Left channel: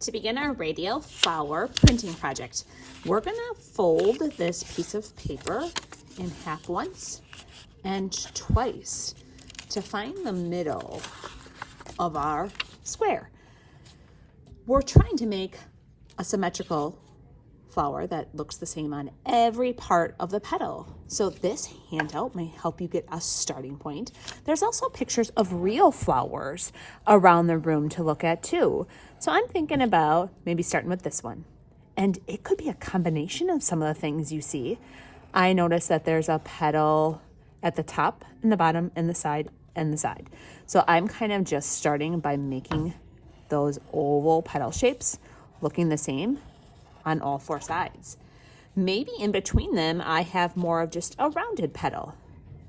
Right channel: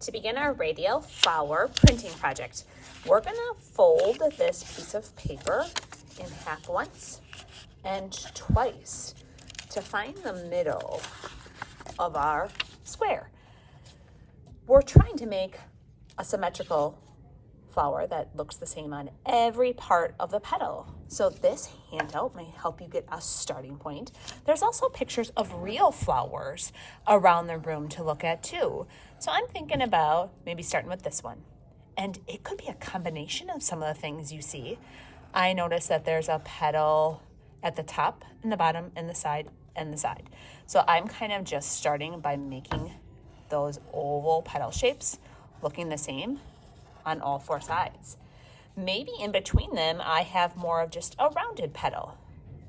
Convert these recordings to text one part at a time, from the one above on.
To begin our radial flower printing project, we're going to fold this piece of paper in half once and twice to find the middle of our square. We're trying to make a symmetrical flower that looks the same on every part of the petal. So this handout may help you get a starting point. There's also pictures of real flowers around the room to look at too. So I'm thinking about maybe starting with this one. And it could be a combination of some of the things you see. I noticed that there's a petal at the top and the bottom and the side and the side. So I'm kind of just starting by making those oval petal shapes looking the same on all four sides. Maybe in between them I have more of just a rounded petal,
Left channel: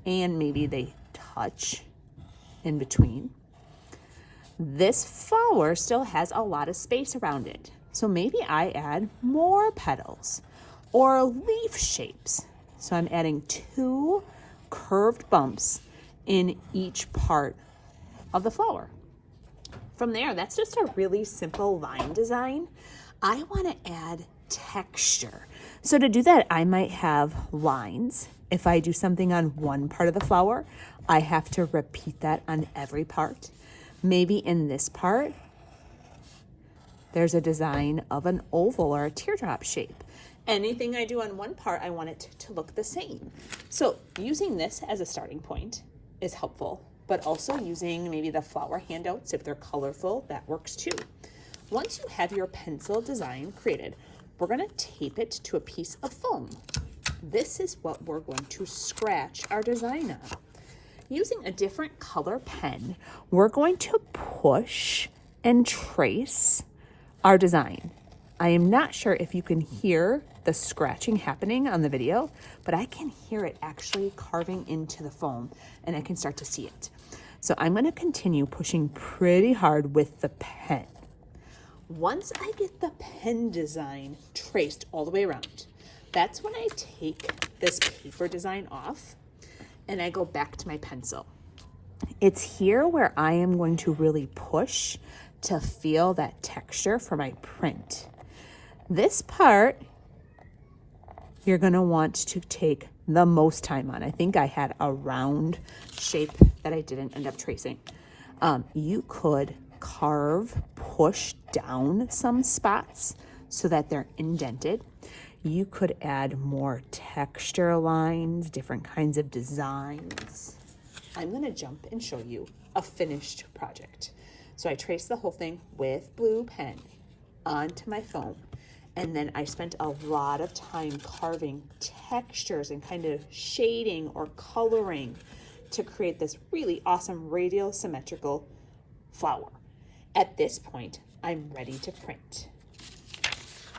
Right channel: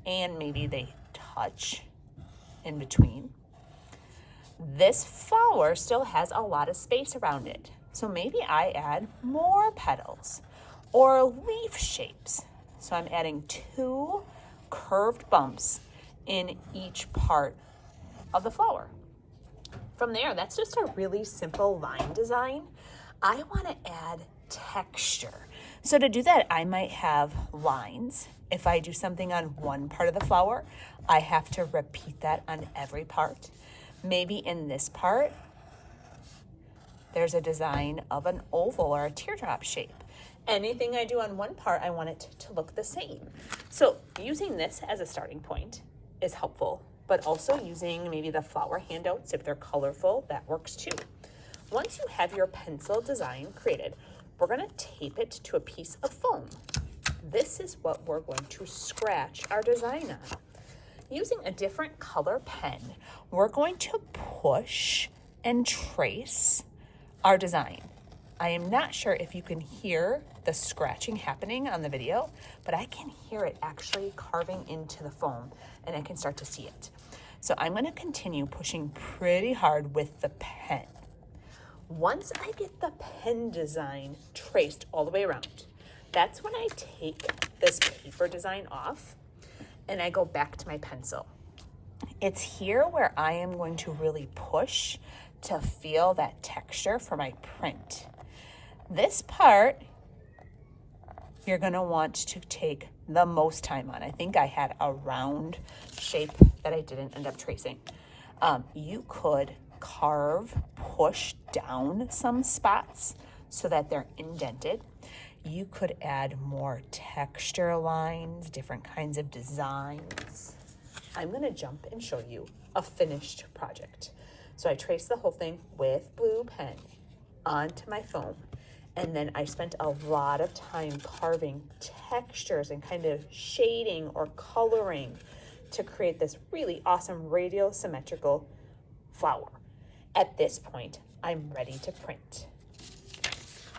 and maybe they touch in between. This flower still has a lot of space around it, so maybe I add more petals or leaf shapes. So I'm adding 2 curved bumps in each part of the flower. From there, that's just a really simple line design. I want to add texture. So to do that, I might have lines. If I do something on one part of the flower, I have to repeat that on every part. Maybe in this part, there's a design of an oval or a teardrop shape. Anything I do on one part, I want it to look the same. So using this as a starting point is helpful, but also using maybe the flower handouts, if they're colorful, that works too. Once you have your pencil design created, we're going to tape it to a piece of foam. This is what we're going to scratch our design on. Using a different color pen, we're going to push and trace our design. I am not sure if you can hear the scratching happening on the video, but I can hear it actually carving into the foam, and I can start to see it. So I'm going to continue pushing pretty hard with the pen. Once I get the pen design traced all the way around, that's when I take this paper design off and I go back to my pencil. It's here where I am going to really push to feel that texture for my print. This part, you're going to want to take the most time on. I think I had a round shape that I didn't end up tracing. You could carve, push down some spots so that they're indented. You could add more texture lines, different kinds of designs. I'm going to jump and show you a finished project. So I traced the whole thing with blue pen onto my foam, and then I spent a lot of time carving textures and kind of shading or coloring to create this really awesome radial symmetrical flower. At this point, I'm ready to print.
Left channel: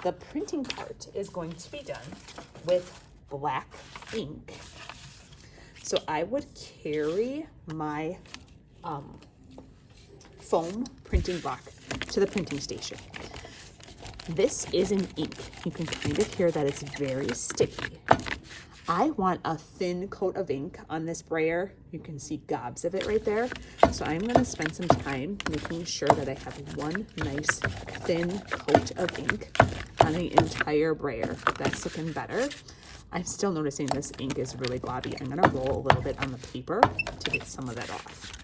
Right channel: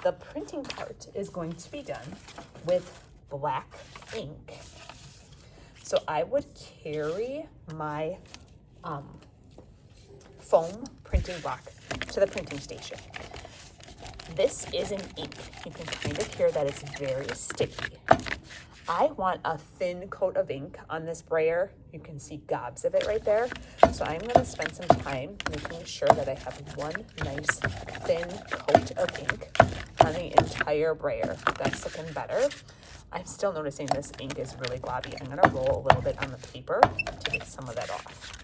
The printing part is going to be done with black ink. So I would carry my foam printing block to the printing station. This is an ink. You can kind of hear that it's very sticky. I want a thin coat of ink on this brayer. You can see gobs of it right there. So I'm going to spend some time making sure that I have one nice thin coat of ink on the entire brayer. That's looking better. I'm still noticing this ink is really globby. I'm going to roll a little bit on the paper to get some of that off.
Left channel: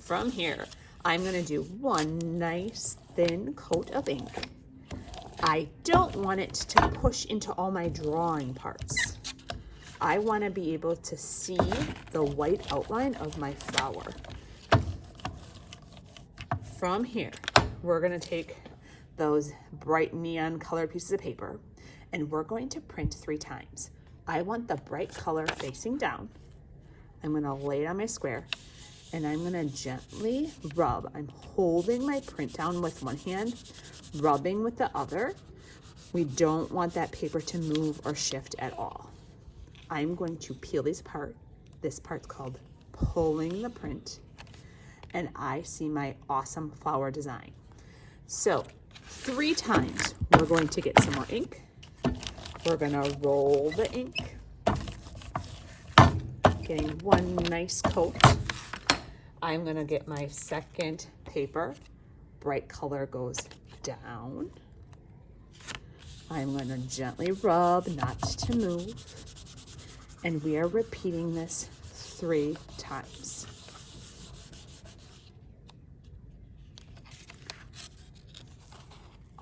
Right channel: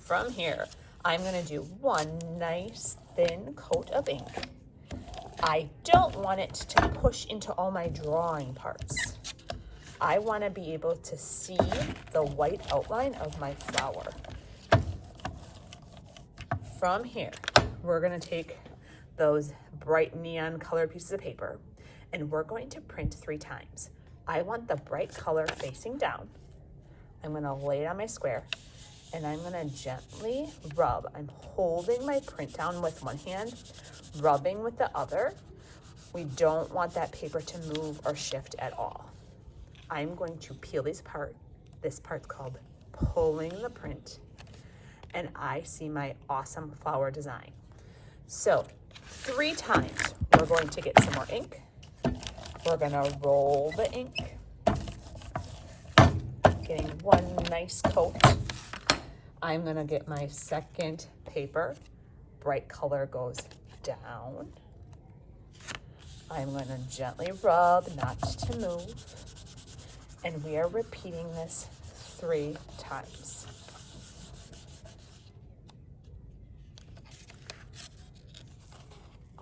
From here, I'm going to do one nice thin coat of ink. I don't want it to push into all my drawing parts. I want to be able to see the white outline of my flower. From here, we're going to take those bright neon colored pieces of paper and we're going to print 3 times. I want the bright color facing down. I'm going to lay it on my square and I'm going to gently rub. I'm holding my print down with one hand, rubbing with the other. We don't want that paper to move or shift at all. I'm going to peel these apart. This part's called pulling the print, and I see my awesome flower design. So 3 times, we're going to get some more ink. We're going to roll the ink, getting one nice coat. I'm going to get my second paper bright color goes down. I'm going to gently rub, not to move. And we are repeating this 3 times.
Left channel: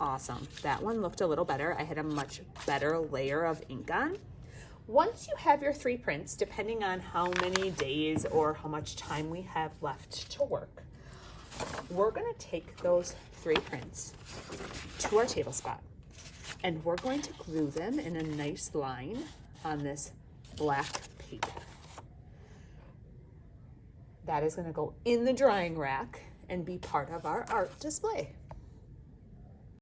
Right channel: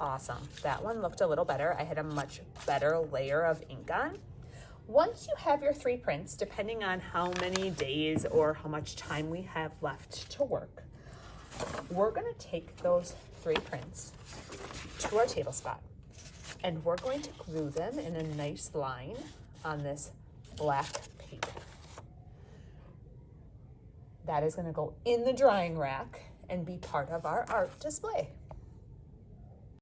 Awesome. That one looked a little better. I had a much better layer of ink on. Once you have your 3 prints, depending on how many days or how much time we have left to work, we're going to take those 3 prints to our table spot, and we're going to glue them in a nice line on this black paper. That is going to go in the drying rack and be part of our art display.